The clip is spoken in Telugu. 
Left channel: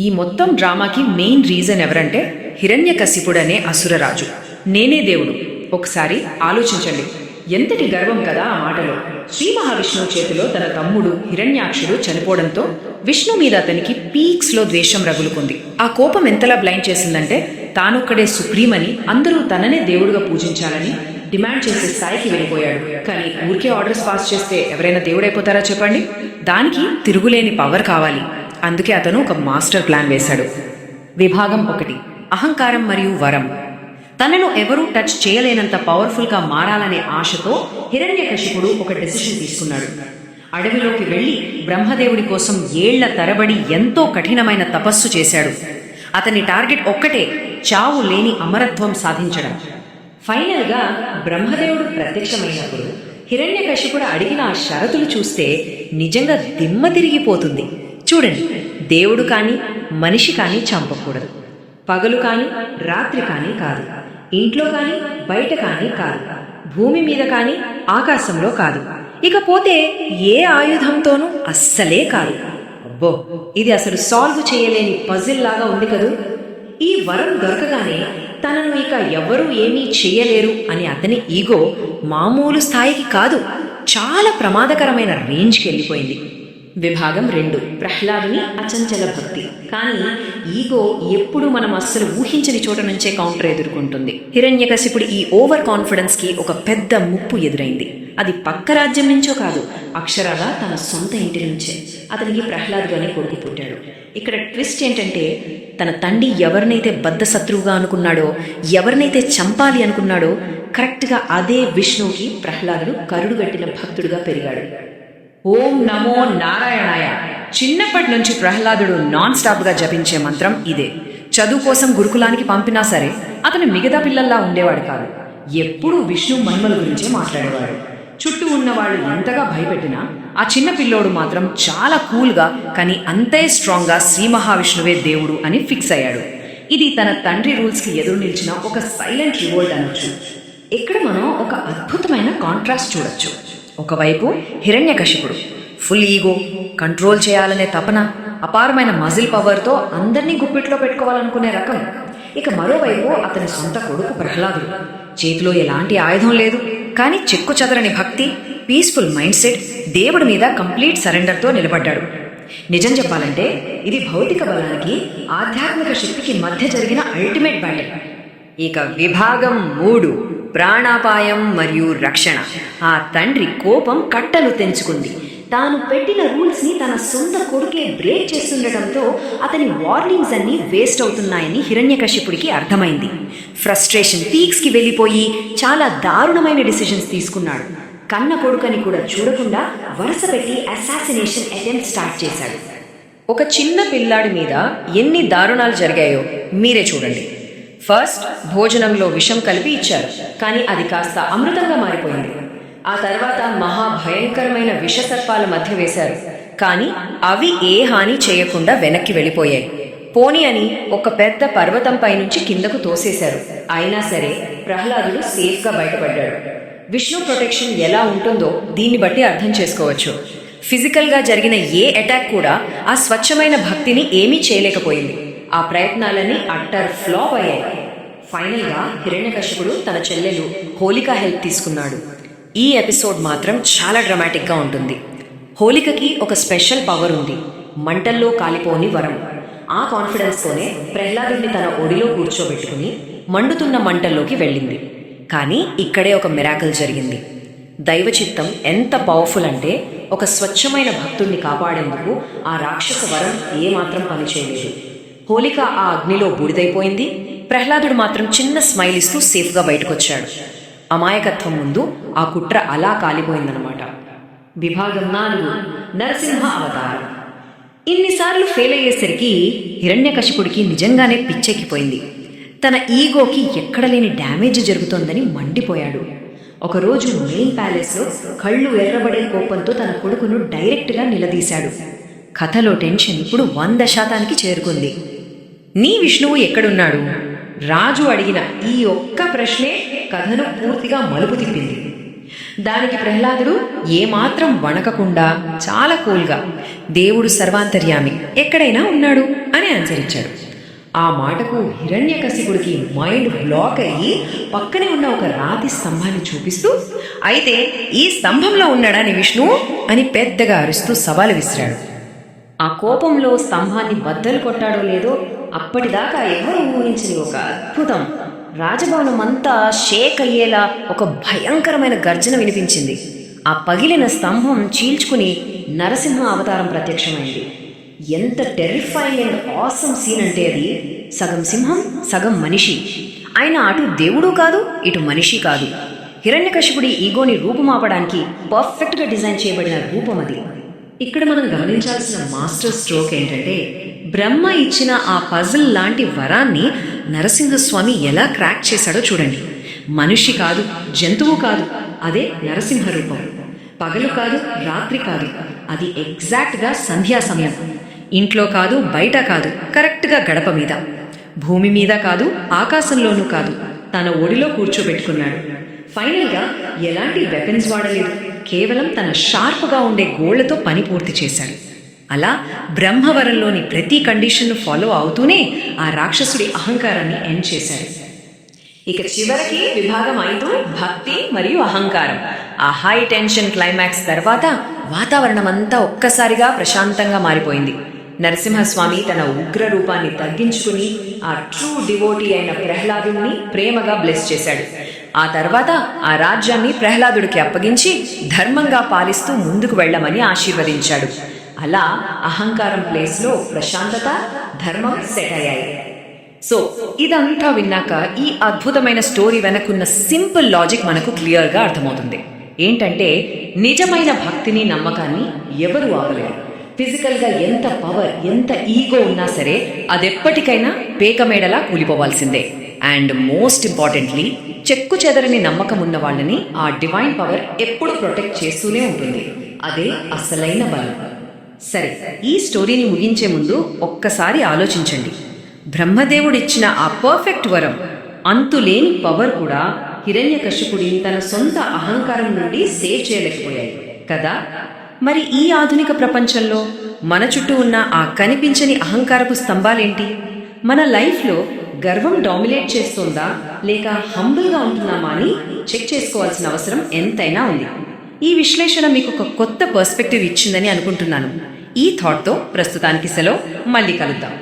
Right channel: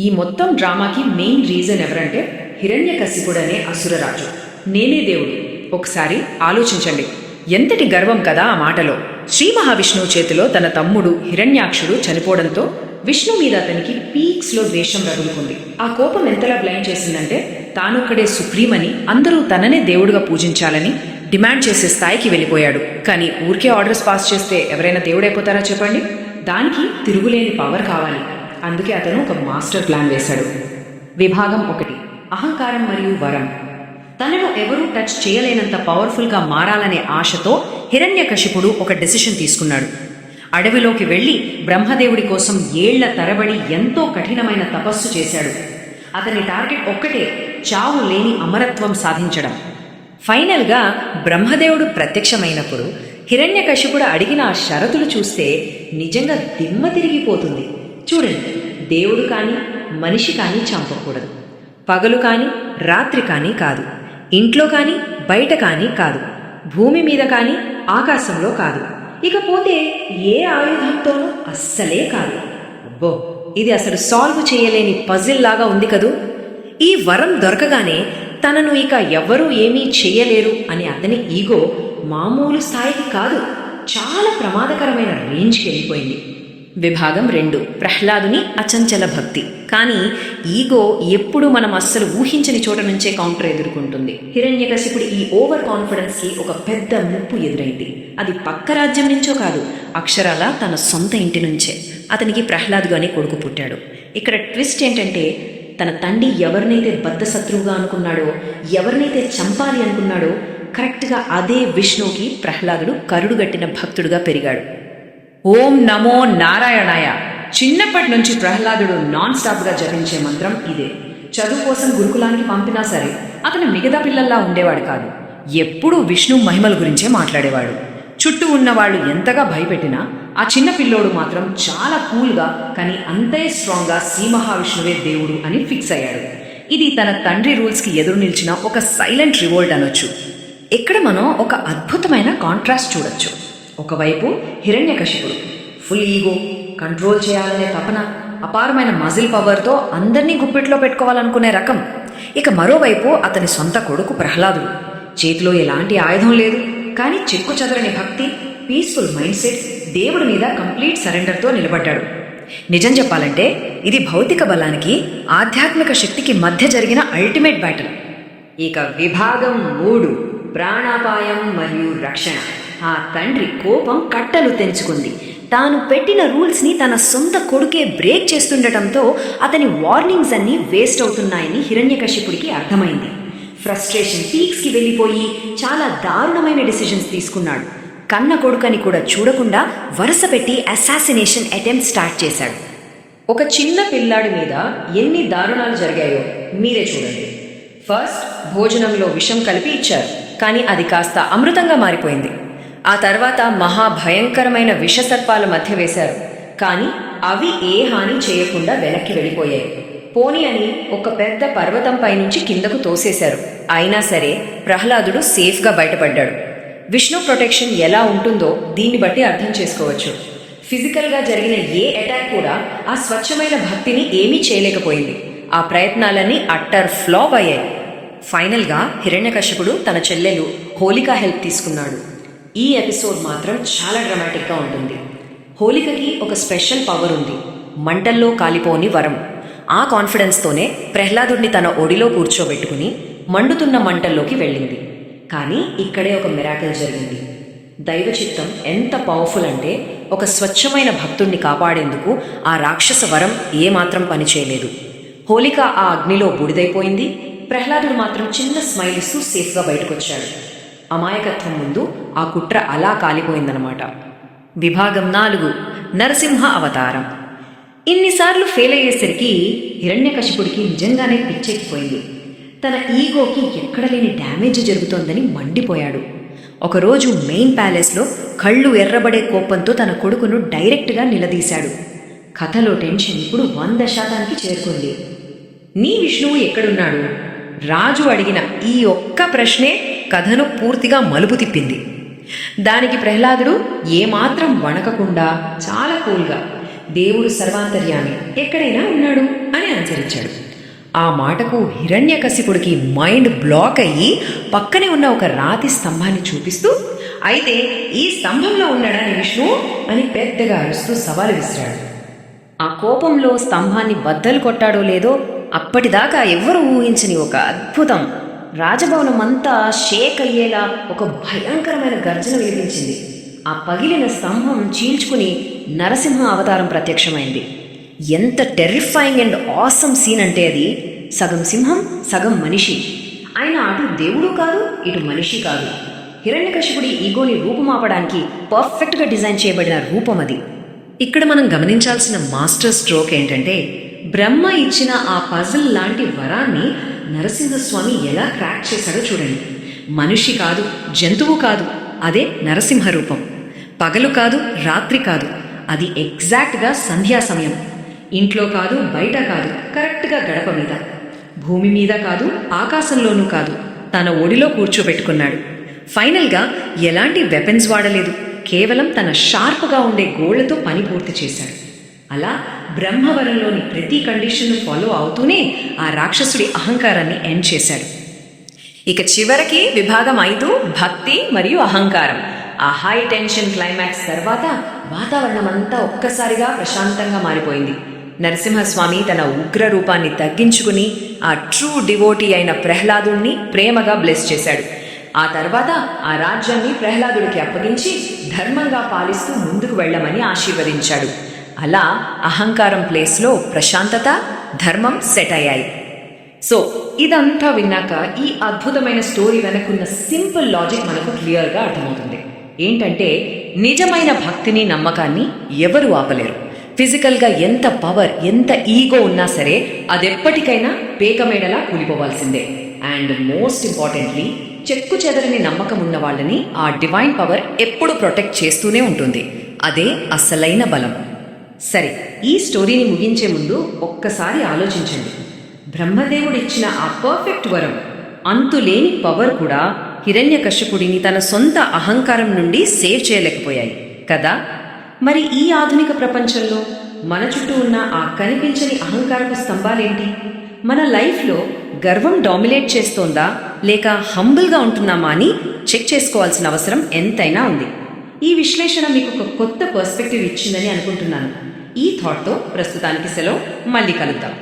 ఈ మొత్తం డ్రామాకి మెయిన్ రీజన్ ఎవరంటే హిరణ్యకశిపుడనే అసురరాజు. నేనే దేవుడు. ఒకసారి ఆలోచించండి, ఎంతటి గర్వం కదా ఆ మాటలో. శ్రీ మహావిష్ణువు చేతిలో తన తమ్ముడు హిరణ్యాక్షుడు చనిపోవడంతో విష్ణు మీద అతనికి పీక్స్లో ద్వేషం రగులుకుంది. ఆ కోపం ఎంతలా బ్లైండ్ చేసిందంటే తానొక్కడే సుప్రీం అని, అందరూ తననే దేవుడుగా పూజించాలని డిమాండ్ చేసే స్థాయికి వెళ్ళిపోయాడు. కానీ ఊరికే ఆర్డర్స్ పాస్ చేస్తే ఎవరైనా దేవుడైపోతారా చెప్పండి? దానికి తిరుగులేని పవర్ కావాలి. అందుకే అతను ఒక మాస్టర్ ప్లాన్ వేశాడు. విభాగం 1: అహంకారం మరియు వరం. తనను ఎవరూ టచ్ చేయలేనంత పవర్ఫుల్గా మారాలనే ఆశతో హిరణ్యకశిపుడు ఒక డెసిషన్ తీసుకున్నాడు. అడవిలోకి వెళ్లి బ్రహ్మదేవుడి కోసం ఏళ్ల తరబడి ఎంతో కఠినమైన తపస్సు చేశాడు. అతని టార్గెట్ ఒక్కటే, చావు లేని అమరత్వం సాధించడం. ఫైనల్గా బ్రహ్మదేవుడు ప్రత్యక్షమైనప్పుడు హిరణ్యకశిపుడు అడిగిన ఆ షరతులు చూస్తే నిజంగా దిమ్మ తిరిగిపోతుంది. చూడండి, దేవుడు కానీ మనిషి కానీ చంపకూడదు, పగలు కానీ రాత్రి కానీ కాదు, ఇంట్లో కానీ బయట కానీ కాదు, భూమి మీద కానీ ఆకాశంలో కాదు, ఇకపోతే ఏ ఆయుధంతోనూ అస్సలే కాదు. అబ్బో, ఇది అసలు సాల్వ్ చేయలేని పజిల్ లాగా ఉంది కదూ. ఈ వరం దొరకగానే తనను ఇక ఎవరూ ఏమీ చేయలేరు అని అతని ఈగో మామూలు స్థాయికి కాదు, చాలా ప్రమాదకరమైన రేంజ్కి వెళ్ళిపోయింది. విభాగం 2: ప్రహ్లాదుని అచంచల భక్తి. కానీ ఈగో ఎప్పుడు మనం అస్సలు ఊహించని చోట నుంచే కౌంటర్ ఎదుర్కొంటుంది. హిరణ్యకశిపుడి ఈ ఓవర్ కాన్ఫిడెన్స్కి ఒక పెద్ద ముప్పు ఎదురైంది. అది పక్క రాజ్యం నుంచో కాదు, అక్షరాల తన సొంత ఇంటి నుంచే. అతనికి ప్రహ్లాదుడు అనే కొడుకు పుట్టాడు. ఇక్కడ ట్విస్ట్ ఏంటంటే, తన తండ్రి ఎవరినైతే బద్ధశత్రువుగా అనుకున్నాడో, ఎవరినైతే చంపాలి అనుకున్నాడో, కరెక్ట్గా అదే విష్ణువుకి ప్రహ్లాదుడు కరుడుగట్టిన భక్తుడుగా పెరిగాడు. ఓం నమో నారాయణాయ. చిన్నప్పటి నుంచి ప్రహ్లాదుడు నాన్ స్టాప్గా జపించే మంత్రం ఇదే. చదువు కోసం గురుకులానికి పంపినా సరే అతను మిగతా పిల్లల్లా ఉండేవాడు కాదు. ఎప్పుడూ విష్ణు మహిమల గురించే మాట్లాడేవాడు. చుట్టూ ఉన్న వాళ్ళు ఎంతగా భయపెట్టినా ఆ చిన్న పిల్లోడు మాత్రం చాలా కూల్గా, కానీ అంతే స్ట్రాంగ్గా శ్రీ మహావిష్ణువే దేవుడు అని ఫిక్స్ అయ్యాడు. ఇది తన తండ్రి రూల్స్కి ఎదురు నిలిచిన ఒక సైలెంట్ రివోల్ట్ అనొచ్చు. ఇక్కడ మనం ఒక అద్భుతమైన కాంట్రాస్ట్ చూడొచ్చు. ఒకవైపు హిరణ్యకశిపుడు ఫుల్ ఈగో, కంట్రోల్ చేయాలనే తపన, అపారమైన మజిల్ పవర్తో అందరినీ గుప్పిట్లో పెట్టుకోవాలనుకునే రకం. ఇక మరోవైపు అతని సొంత కొడుకు ప్రహ్లాదుడు. చేతిలో ఎలాంటి ఆయుధం లేదు, కానీ చెక్కు చెదరని భక్తి, పీస్ఫుల్ మైండ్ సెట్, దేవుడి మీద కంప్లీట్ సరెండర్తో నిలబడ్డాడు. నిజం చెప్పాలంటే ఇది భౌతిక బలానికి ఆధ్యాత్మిక శక్తికి మధ్య జరిగిన అల్టిమేట్ బ్యాటిల్. ఇక విభాగం 3: ప్రాణాపాయం మరియు రక్షణ. ఆ తండ్రి కోపం కట్టలు తెంచుకుంది. తాను పెట్టిన రూల్స్ని తన సొంత కొడుకే బ్రేక్ చేస్తుండటంతో అతని వార్నింగ్స్ అన్నీ వేస్ట్ అవుతున్నాయని హిరణ్యకశిపుడికి అర్థమైంది. ఫ్రస్ట్రేషన్ పీక్స్కి వెళ్ళిపోయి చాలా దారుణమైన డిసిషన్స్ తీసుకున్నాడు. కన్న కొడుకని కూడా చూడకుండా వరుస పెట్టి అసాసినేషన్ అటెంప్ట్ స్టార్ట్ చేశాడు. ఒక చిన్న పిల్లాడి మీద ఎన్ని దారుణాలు జరిగాయో మీరే చూడండి. ఫస్ట్, భోజనంలో విషం కలిపి ఇచ్చారు, కానీ అది కాస్త అమృతంగా మారిపోయింది. ఆ తర్వాత మహాభయంకరమైన విషసర్పాల మధ్య వేశారు, కానీ అవి ఏ హాని చేయకుండా వెనక్కి వెళ్ళిపోయాయి. పోనీ అని ఒక పెద్ద పర్వతంపై నుంచి కిందకు తోసేశారు. అయినా సరే ప్రహ్లాదుడు సేఫ్గా బయటపడ్డాడు. విష్ణు ప్రొటెక్షన్ ఎలా ఉంటుందో దీన్ని బట్టి అర్థం చేసుకోవచ్చు. ఫిజికల్గా జరిగిన ఏ అటాక్ కూడా ఆ స్వచ్ఛమైన భక్తిని ఏమీ చేయలేకపోయింది. ఆ ప్రయత్నాలన్నీ అట్టర్ ఫ్లాప్ అయ్యాయి. ఫైనల్గా హిరణ్యకశిపుడు తన చెల్లెలు హోలిక హెల్ప్ తీసుకున్నాడు. ఈ ఎపిసోడ్ మాత్రం చాలా డ్రామాటిక్గా ఉంటుంది. హోలికకి ఒక స్పెషల్ పవర్ ఉంది, మంటల్లో కాలిపోని వరం. ఆ కాన్ఫిడెన్స్తోనే ప్రహ్లాదుడిని తన ఒడిలో కూర్చోబెట్టుకుని మండుతున్న మంటల్లోకి వెళ్ళింది. కానీ ఇక్కడే ఒక మిరాకిల్ జరిగింది. దైవచిత్తం ఎంత పవర్ఫుల్ అంటే ఒక స్వచ్ఛమైన భక్తుణ్ణి కాపాడేందుకు ఆ రాక్షస వరం ఏమాత్రం పనిచేయలేదు. హోలిక ఆ అగ్నిలో బూడిదైపోయింది. ప్రహ్లాదుడు మాత్రం చిన్న స్మైల్ ఇస్తూ సేఫ్గా బయటకొచ్చాడు. అమాయకత్వం ముందు ఆ కుట్ర అలా కాలిపోయిందనమాట. విభాగం 4: నరసింహ అవతారం. ఇన్నిసార్లు ఫెయిల్ అయ్యేసరికి హిరణ్యకశిపుడికి నిజంగానే పిచ్చెక్కిపోయింది. తన ఈగోకి ఎక్కడలేని డ్యామేజ్ జరుగుతోందని మండిపోయాడు. ఒకరోజు మెయిన్ ప్యాలెస్లో కళ్ళు ఎర్రబడే కోపంతో తన కొడుకును డైరెక్ట్గా నిలదీశాడు. కథలో టెన్షన్ ఇప్పుడు 100% చేరుకుంది. నీ విష్ణువు ఎక్కడున్నాడు? రాజు అడిగిన ఈ ఒక్క ప్రశ్నే కథను పూర్తిగా మలుపు తిప్పింది. దానికి ప్రహ్లాదుడు ఏమాత్రం వణకకుండా చాలా కూల్గా, దేవుడు సర్వాంతర్యామి, ఎక్కడైనా ఉన్నాడు అని ఆన్సర్ ఇచ్చాడు. ఆ మాటకు హిరణ్యకశిపుడికి మైండ్ బ్లాక్ అయ్యి పక్కనే ఉన్న ఒక రాతి స్తంభాన్ని చూపిస్తూ, అయితే ఈ స్తంభంలో ఉన్నాడా నీ విష్ణువు అని పెద్దగా అరుస్తూ సవాలు విసిరాడు. ఆ కోపంలో స్తంభాన్ని బద్దలు కొట్టాడో లేదో అప్పటిదాకా ఎవ్వరూ ఊహించని ఒక అద్భుతం, రాజభవనం అంతా షేక్ అయ్యేలా ఒక భయంకరమైన గర్జన వినిపించింది. ఆ పగిలిన స్తంభం చీల్చుకుని నరసింహ అవతారం ప్రత్యక్షమైంది. ఎంత టెర్రిఫైయింగ్ అండ్ ఆసమ్ సీన్ అంటే అది సగం సింహం సగం మనిషి. ఆయన అటు దేవుడు కాదు, ఇటు మనిషి కాదు. హిరణ్యకశిపుడి ఈగోని రూపుమాపడానికి పర్ఫెక్ట్గా డిజైన్ చేయబడిన రూపం అది. ఇక్కడ మనం గమనించాల్సిన మాస్టర్ స్ట్రోక్ ఏంటంటే, బ్రహ్మ ఇచ్చిన ఆ పజిల్ లాంటి వరాన్ని నరసింహస్వామి ఎలా క్రాక్ చేశాడో చూడండి. మనిషి కాదు, జంతువు కాదు, అదే నరసింహ రూపం. పగలు కాదు, రాత్రి కాదు, అది ఎగ్జాక్ట్గా సంధ్యా సమయం. ఇంట్లో కాదు, బయట కాదు, కరెక్ట్గా గడప మీద. భూమి మీద కాదు, ఆకాశంలోనూ కాదు, తన ఒడిలో కూర్చోబెట్టుకున్నాడు. ఫైనల్గా ఎలాంటి వెపన్స్ వాడలేదు, కేవలం తన షార్ప్గా ఉండే గోళ్లతో పని పూర్తి చేశాడు. అలా బ్రహ్మవరంలోని ప్రతి కండిషన్ ఫాలో అవుతూనే ఆ రాక్షసుడి అహంకారాన్ని ఎండ్ చేశాడు. ఇక చివరికి విభాగం 5 భక్తి మరియు అహంకారం. ఆ హై టెన్షన్ క్లైమాక్స్ తర్వాత వాతావరణం అంతా ఒక్కసారిగా ప్రశాంతంగా మారిపోయింది. నరసింహస్వామి తన ఉగ్ర రూపాన్ని తగ్గించుకుని ఆ ట్రూ డివోటీ అయిన ప్రహ్లాదుణ్ణి ప్రేమగా బ్లెస్ చేశాడు. ఆ తర్వాత ఆ రాజ్యాన్ని ప్రహ్లాదుడికి అప్పగించి ధర్మంగా పాలిస్తూ ముందుకు వెళ్లమని ఆశీర్వదించాడు. అలా అహంకారం ప్లేస్లో ప్రశాంతత, ధర్మం సెట్ అయ్యాయి. సో ఇదంతా విన్నాక ఈ అద్భుతమైన స్టోరీ వెనకున్న సింపుల్ లాజిక్ మనకు క్లియర్గా అర్థమవుతుంది. ఏంటంటే, నిజమైన భక్తిని, నమ్మకాన్ని ఎవరు ఆపలేరు. ఫిజికల్గా ఎంత పవర్, ఎంత ఈగో ఉన్నా సరే అదెప్పటికైనా పేకమేడలా కూలిపోవాల్సిందే. అండ్ మోస్ట్ ఇంపార్టెంట్లీ, చెక్కు చెదరని నమ్మకం ఉన్న వాళ్ళని ఆ డివైన్ పవర్ ఎప్పుడు ప్రొటెక్ట్ చేస్తూనే ఉంటుంది. అదే అసలైన బలం. సరే, ఈ స్టోరీని ముగించే ముందు ఒక్కసారి ఆలోచించండి. బ్రహ్మదేవుడిచ్చిన ఆ పర్ఫెక్ట్ వరం, అంతులేని పవర్ కూడా హిరణ్యకశిపుడిని తన సొంత అహంకారం నుండి సేవ్ చేయలేకపోయాయి కదా. మరి ఈ ఆధునిక ప్రపంచంలో మన చుట్టూ ఉన్న ఆ కనిపించని అహంకారపు స్తంభాలేంటి? మన లైఫ్లో గర్వం డామినేట్ చేస్తోందా, లేక హంబుల్గా ఉంటున్నామా అని చెక్ చేసుకోవాల్సిన అవసరం ఎంతైనా ఉంది. ఈ విశ్లేషణ మీకు ఒక కొత్త పర్స్పెక్టివ్ ఇచ్చిందని అనుకుంటున్నాను. ఈ థాట్తో ప్రస్తుతానికి సెలవు, మళ్ళీ కలుద్దాం.